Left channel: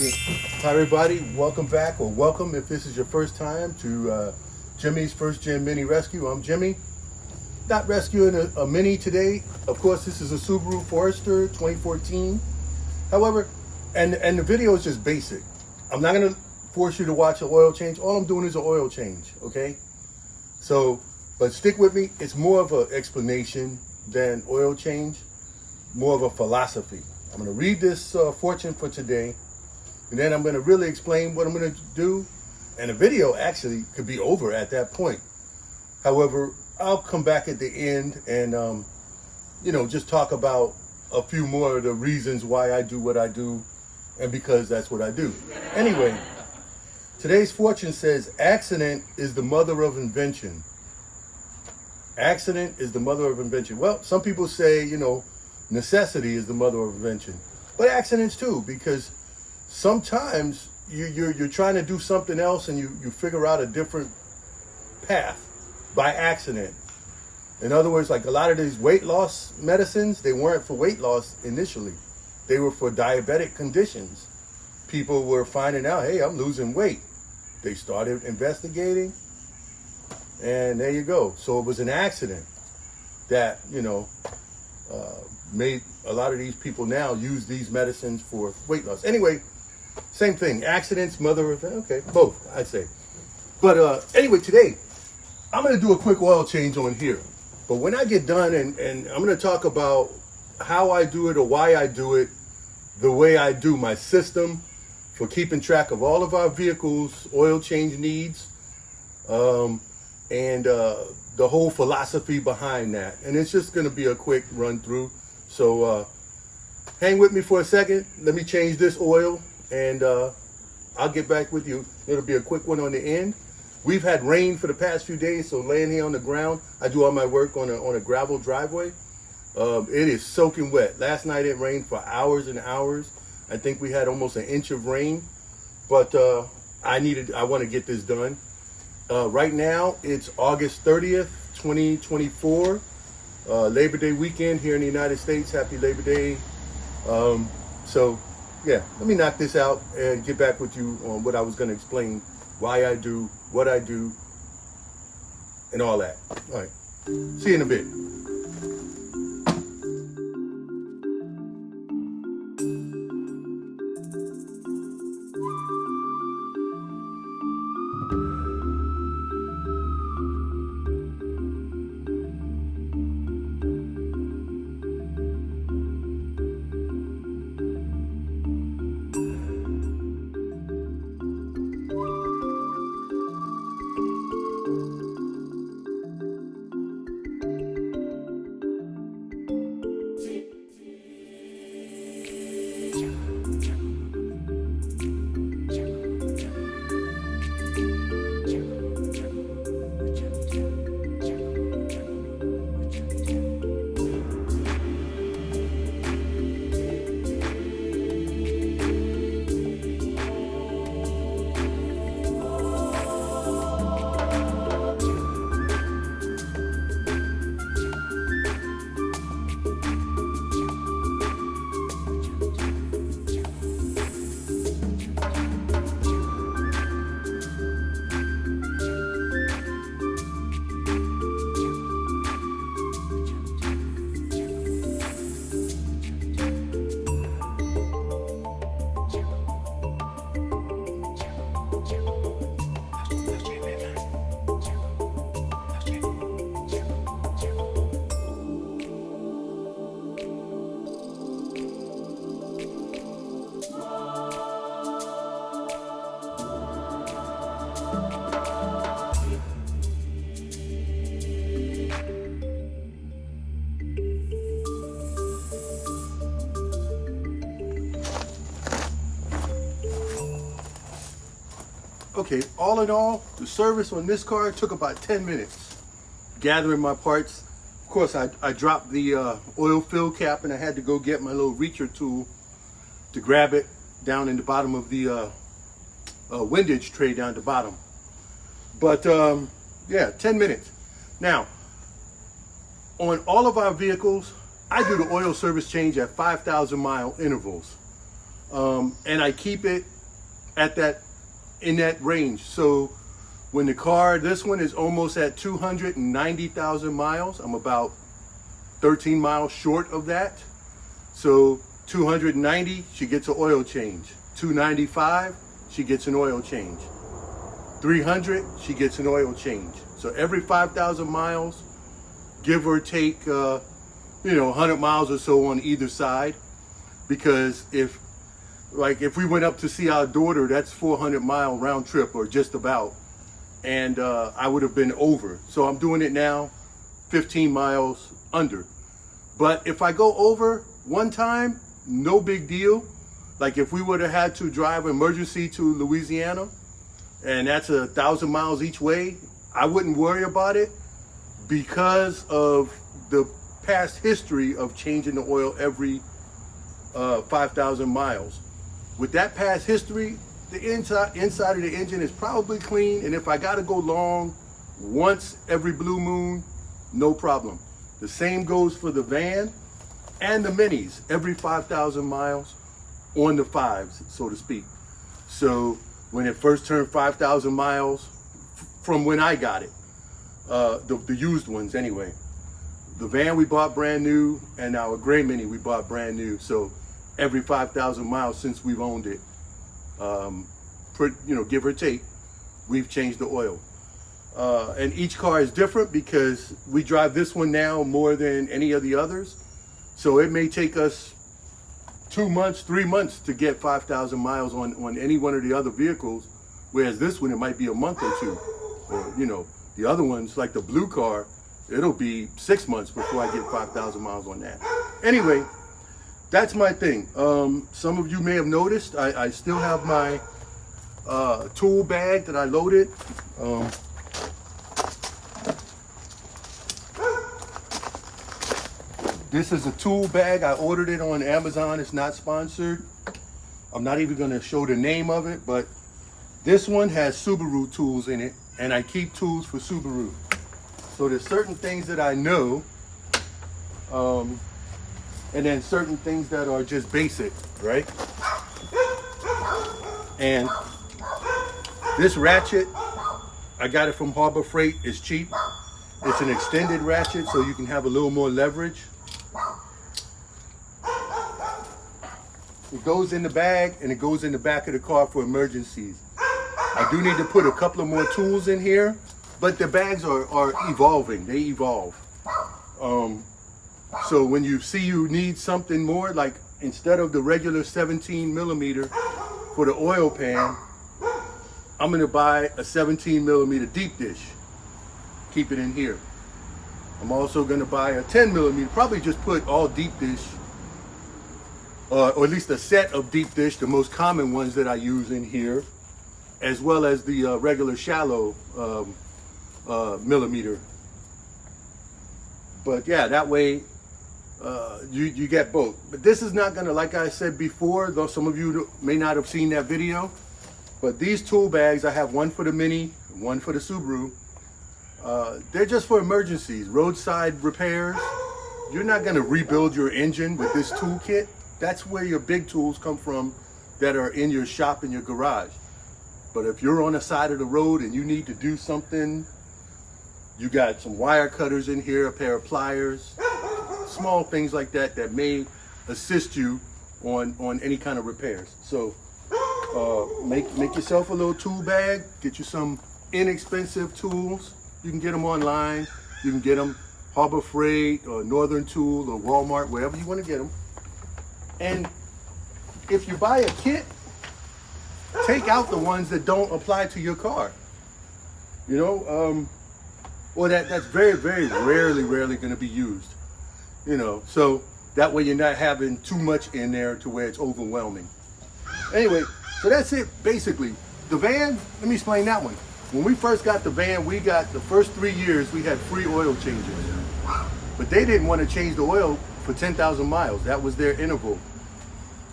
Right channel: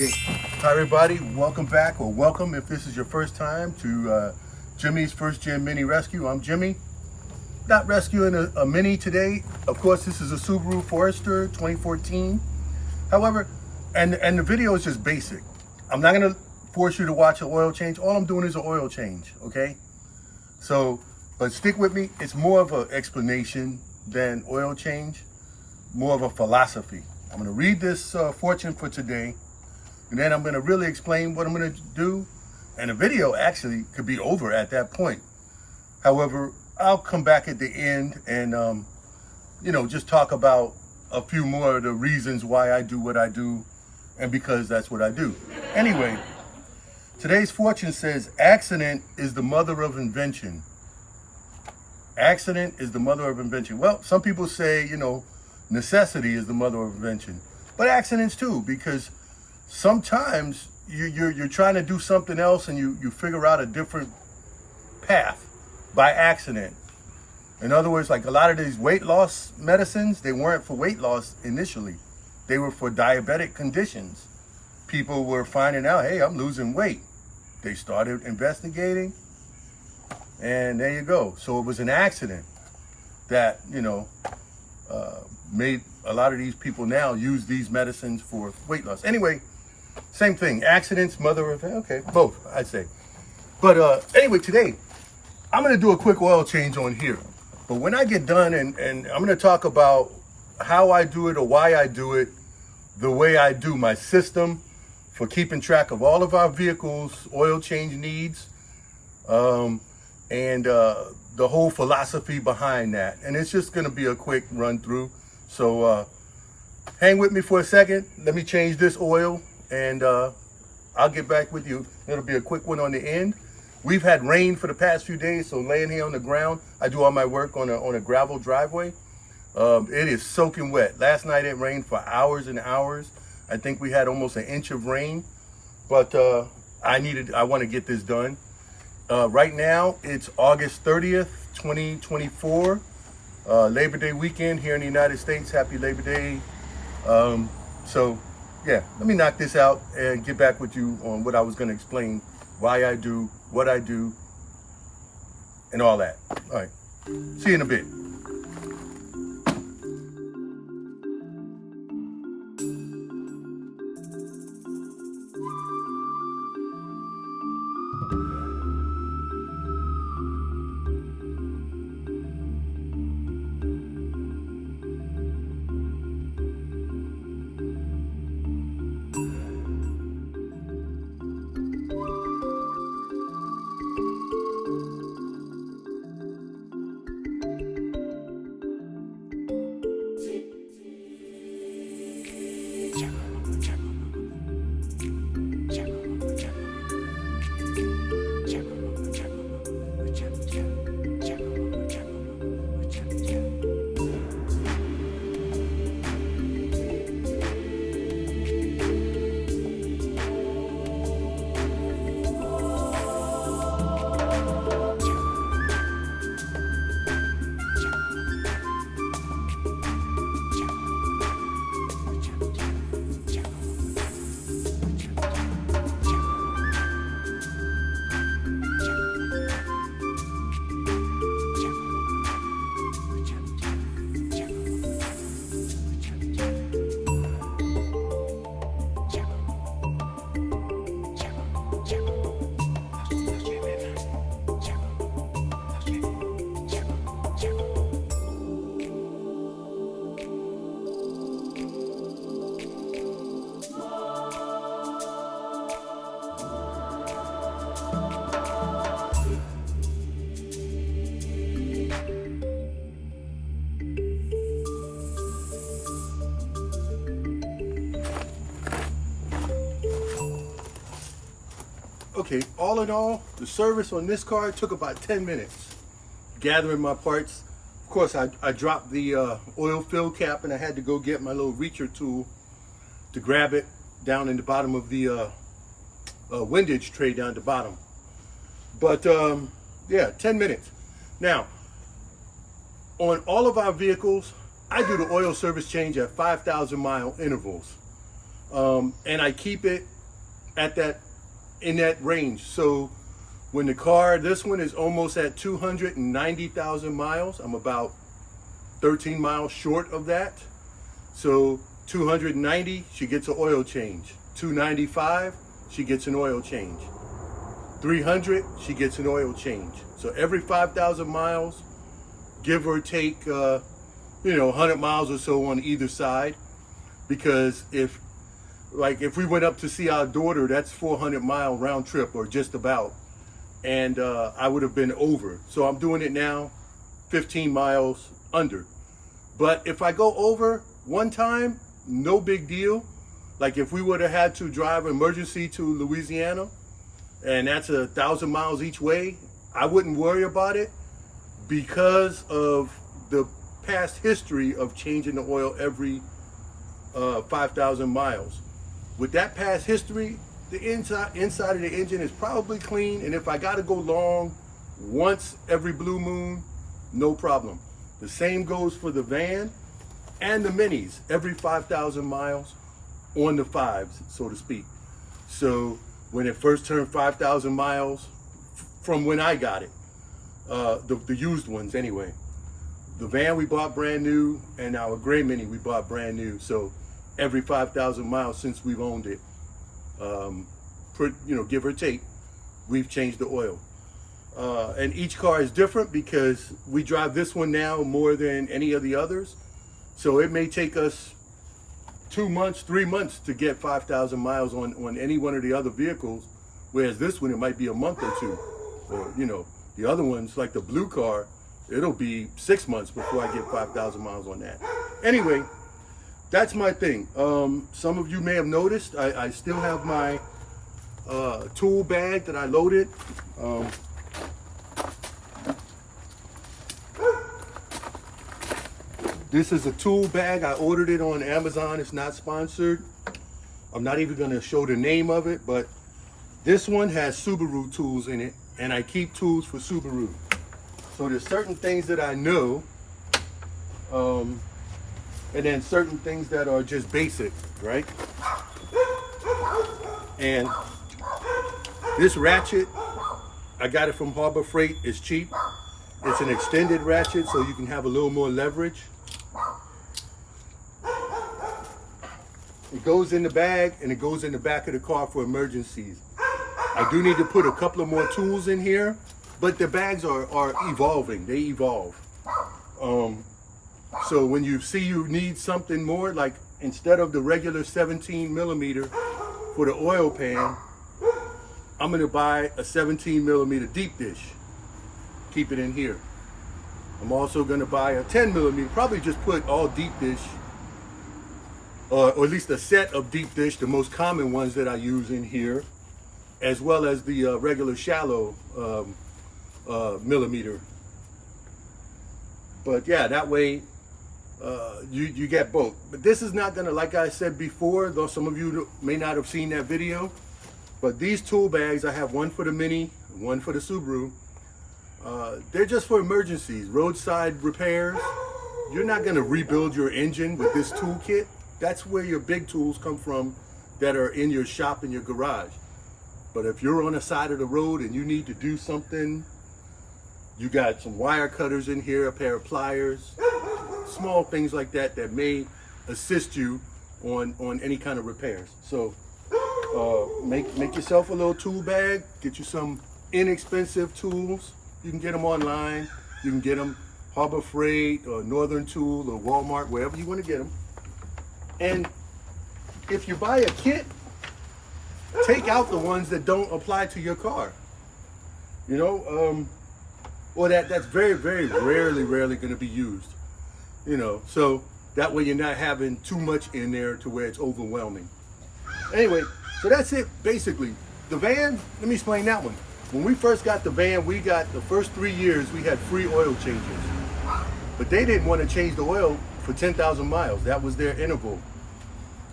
Okay. Hi everybody, welcome back, or welcome if this is your first time to Jimmy's First Gen Mini Rescue. I'm Jimmy. Not rescuing a Mini today. Of course, this is a Subaru Forester 2014. However, and the video is just basic. I'm not gonna force you to watch an oil change. All I'm doing is an oil change, okay? So, but stick with me. It's more of an explanation than oil change, more of a philosophy. I'm gonna read this fortune for today, and then I'm gonna really explain what I'm gonna do. And the video actually could be over at that point. However, I'll come back at the end and, just talk about a few more of the reasons why I do what I do, and because that's what I do. Anyway, today's fortune says, accident is the mother of invention. Accident is the mother of invention. Well, some people say, necessity is the mother of invention, but accidents too, because sometimes you're trying to do something else and you figure out a different path by accident. In other words, like a lot of these weight loss medicines, they weren't for weight loss initially. They were for diabetic conditions. People were finding out, hey, I'm losing weight. They started investigating, and there you go. So it was an accident that, made a lot of these people now use these medicines for weight loss. Anyway, same thing, accidents, mother of, okay, both, I'd say. But anyway, today, I'm gonna do a quick oil change on here. But when I get done, and I'm gonna talk about how I do it or why I do it the way I do, my system for keeping track of all of our vehicles' oil change needs, and the whole philosophy behind that. And it's just gonna be a quick run through. So hang with me for a second. Let me change this oil, and I'll get back with you. It'll be a quick one on the end. We've had rain for the past few days, so laying here on the ground, I do all my work on a gravel driveway. It is soaking wet. Last night it rained for hours and hours. I think we had almost an inch of rain, but I want to get this done. Right now it's August 30th, 2024, Labor Day weekend here in the United States. Happy Labor Day. So yeah, let me knock this out and get back with you on what I was going to explain, why I do what I do, and all that. All right, see you in a bit. Okay, all in all, the service on this car took about 10 minutes. Gathering my parts. Of course, I dropped the oil fill cap, and I had to go get my little reacher tool to grab it down in the bottom of the windage tray down at the bottom. But yeah, 10 minutes. Now, on all of our vehicles, I do the oil service change at 5,000 mile intervals. And I keep it at in that range. So when this one is almost at 290,000 miles. I'm about 13 miles short of that. So 290, she gets an oil change. 295, she gets an oil change. 300, she gets an oil change. So every 5,000 miles, give or take, 100 miles or so on either side. Because if we went up to see our daughter, that's 400-mile round trip or just about. And I would have been over. So I'm doing it now 15 miles under. But if I go over one time, no big deal. Like if we would have had to drive emergency to Louisiana, and that's 1,000 miles each way, I wouldn't worry about it because of the past history of changing the oil every 5,000 miles. With that past history, the inside of the engine is probably clean, and if I gotta go long once every blue moon, no problem. The same goes for the van and the minis, every 5,000 miles on the fives, so to speak. So when it first turned 5,000 miles, from when I got it, the used ones anyway. The van we bought brand new, and our gray mini we bought brand new. So every 5,000 miles since we've owned it, give or take, we've changed the oil. And each car is different because we drive this one now more than any of the others. So it may take us 2 months, 3 months to get 5,000 miles on any one of the other vehicles. Whereas this one, it might be a month or two. Or, the other ones, like the blue car, it'll be 6 months before I get 5,000 miles on that. Anyway, that's my thing. Some of you may have noticed, I still have my tool bag that I loaded. This is a tool bag. I ordered it on Amazon. It's not sponsored. I'm not even going to show the name of it, but this one has Subaru tools in it, and I keep tools for Subaru. So there's certain things that I know, and then certain things that are just basic, right? And this ratchet, I got it from Harbor Freight. It's cheap. It's an extended ratchet, so you can have a little more leverage. It goes in the bag, and it goes in the back of the car for emergencies. I do need to put a couple of more tools in here, but the bags are evolving. They evolve. So when you see you need something more, like instead of the regular 17 millimeter for the oil pan, I'm gonna buy a 17 millimeter deep dish. Keep it in here. I'm also gonna buy a 10 millimeter, probably just put all deep dish, or at least a set of deep dish, the most common ones that I use in here, as well as the regular shallow millimeter. But yeah, that way you get both. But this is not gonna, like I said before, though some of you may not have seen that video, but these tool bags, I have one for the Mini, one for the Subaru. They're just for emergencies, roadside repairs. You're not gonna rebuild your engine with this toolkit. That's where your big tools come from that are in your shop, in your garage. But if you're on the side of the road and you need to do something, you got some wire cutters in here, a pair of pliers, small things like that that may assist you on any kind of repairs. So make yourself a little tool bag, get you some inexpensive tools. You can get them online. You can get them Harbor Freight or Northern Tool or Walmart, wherever you want to get them. And if you buy a kit, take out the ones that don't apply to your car. Or that's very, very rarely going to be used. So that way you're not having too much in there to where it's overwhelming. Anyway, so that's it, basically. The van, let me explain that one. When we first got the van, we got the first 3 years, we had free oil changes. But they didn't want to change the oil for 10,000 miles. That was their interval.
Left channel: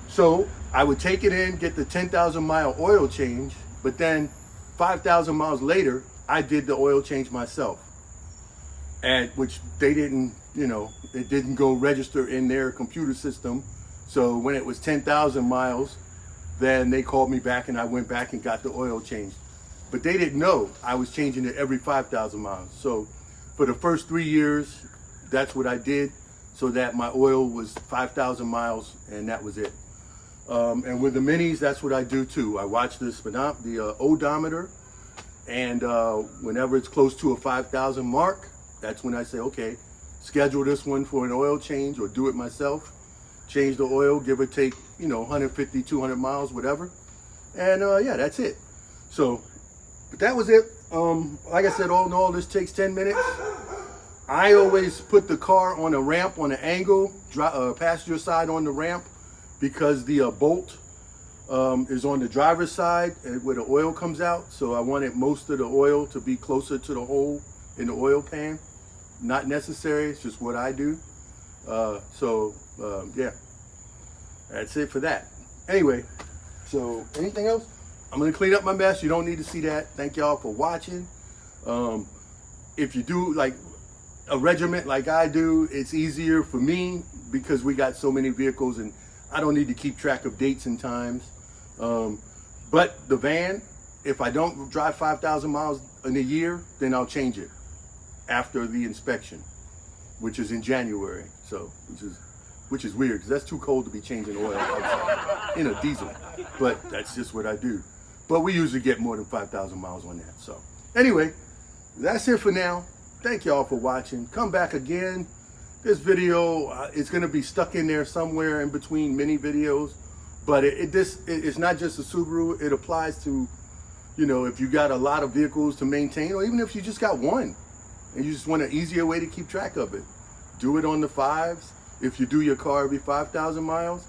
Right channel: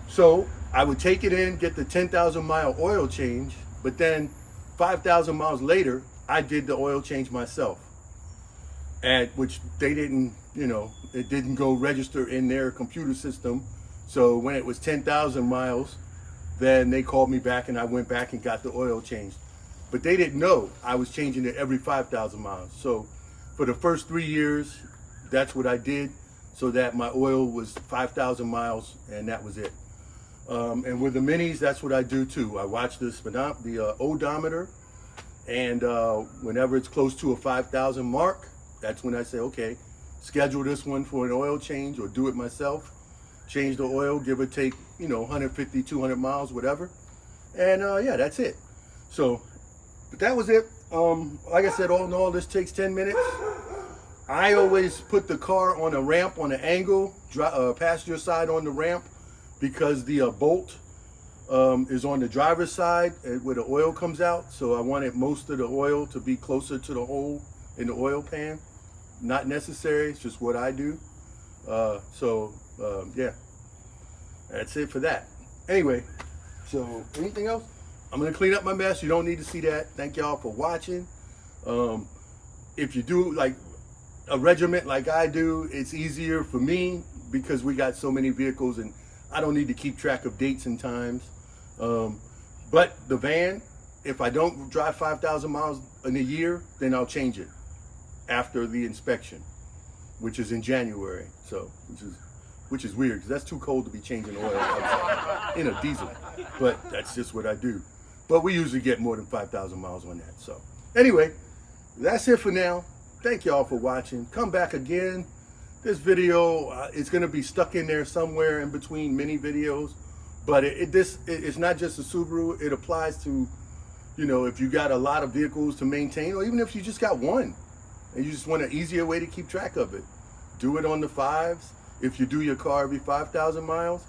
So I would take it in, get the 10,000 mile oil change, but then 5,000 miles later, I did the oil change myself. And which they didn't, it didn't go register in their computer system. So when it was 10,000 miles, then they called me back and I went back and got the oil changed. But they didn't know I was changing it every 5,000 miles. So for the first 3 years, that's what I did, so that my oil was 5,000 miles and that was it. And with the minis, that's what I do too. I watch the odometer, and whenever it's close to a 5,000 mark, that's when I say, okay, schedule this one for an oil change or do it myself. Change the oil, give or take, 150, 200 miles, whatever. And yeah, that's it. So, but that was it. Like I said, all in all, this takes 10 minutes. I always put the car on a ramp, on an angle, passenger side on the ramp, because the bolt is on the driver's side where the oil comes out. So I wanted most of the oil to be closer to the hole in the oil pan. Not necessary, it's just what I do. Yeah, that's it for that. Anyway, so anything else? I'm gonna clean up my mess. You don't need to see that. Thank y'all for watching. If you do like a regiment like I do, it's easier for me because we got so many vehicles and I don't need to keep track of dates and times. But the van, if I don't drive 5,000 miles in a year, then I'll change it after the inspection, which is in January. So, which is weird because that's too cold to be changing oil outside in a diesel. But that's just what I do. But we usually get more than 5,000 miles on that. So anyway, that's it for now. Thank y'all for watching. Come back again. This video is going to be stuck in there somewhere in between mini videos. But it's not just a Subaru. It applies to, if you got a lot of vehicles to maintain, or even if you just got one and you just want an easier way to keep track of it. Do it on the 5s. If you do your car every 5,000 miles,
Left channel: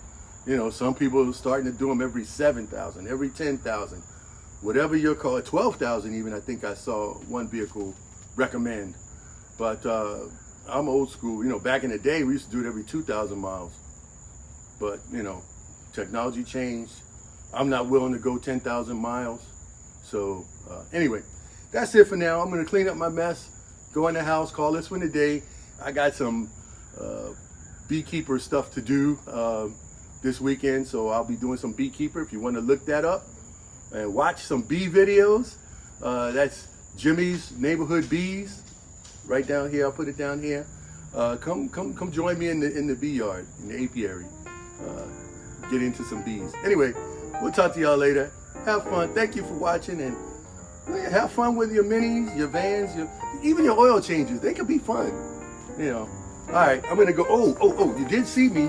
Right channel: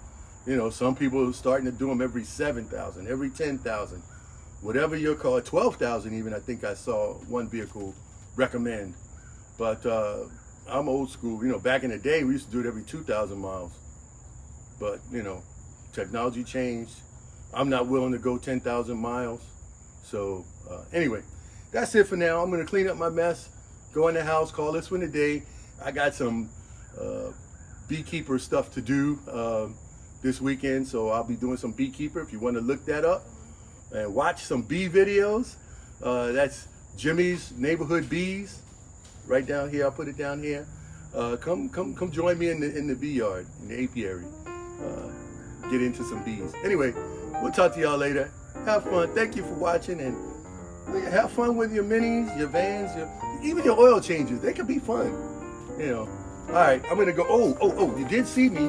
some people are starting to do them every 7,000, every 10,000, whatever your car, 12,000 even, I think I saw one vehicle recommend. But I'm old school. Back in the day, we used to do it every 2,000 miles. But, technology changed. I'm not willing to go 10,000 miles. So anyway, that's it for now. I'm going to clean up my mess, go in the house, call this one a day. I got some beekeeper stuff to do this weekend, so I'll be doing some beekeeper. If you want to look that up and watch some bee videos, that's Jimmy's Neighborhood Bees, right down here. I'll put it down here. Come join me in the bee yard, in the apiary. Get into some bees. Anyway, we'll talk to y'all later. Have fun. Thank you for watching, and have fun with your minis, your vans, even your oil changes. They can be fun. All right, I'm gonna go. Oh, you did see me.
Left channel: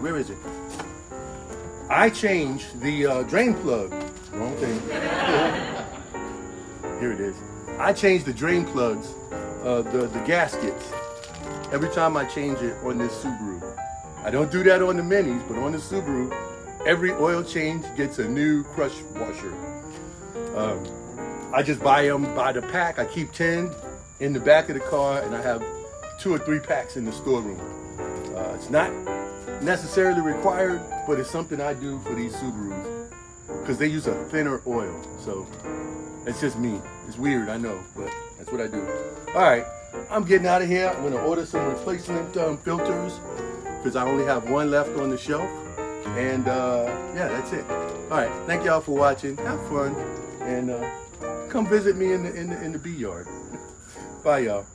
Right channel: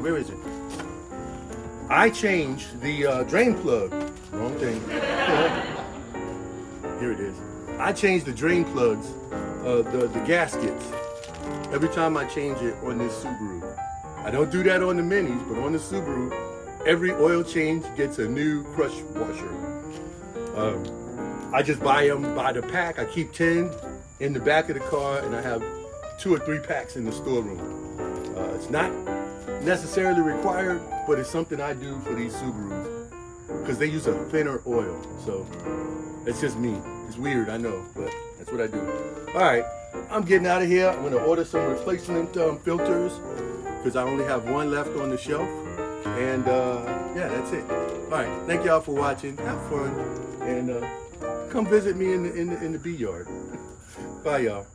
Where is it? I changed the drain plug. Wrong thing. Here it is. I changed the drain plugs, the gaskets, every time I change it on this Subaru. I don't do that on the Minis, but on the Subaru, every oil change gets a new crush washer. I just buy them by the pack. I keep 10 in the back of the car, and I have 2 or 3 packs in the storeroom. It's not necessarily required, but it's something I do for these Subarus because they use a thinner oil. So it's just me. It's weird, I know, but that's what I do. All right, I'm getting out of here. I'm gonna order some replacement filters because I only have one left on the shelf. And yeah, that's it. All right, thank y'all for watching. Have fun, and come visit me in the bee yard. Bye, y'all.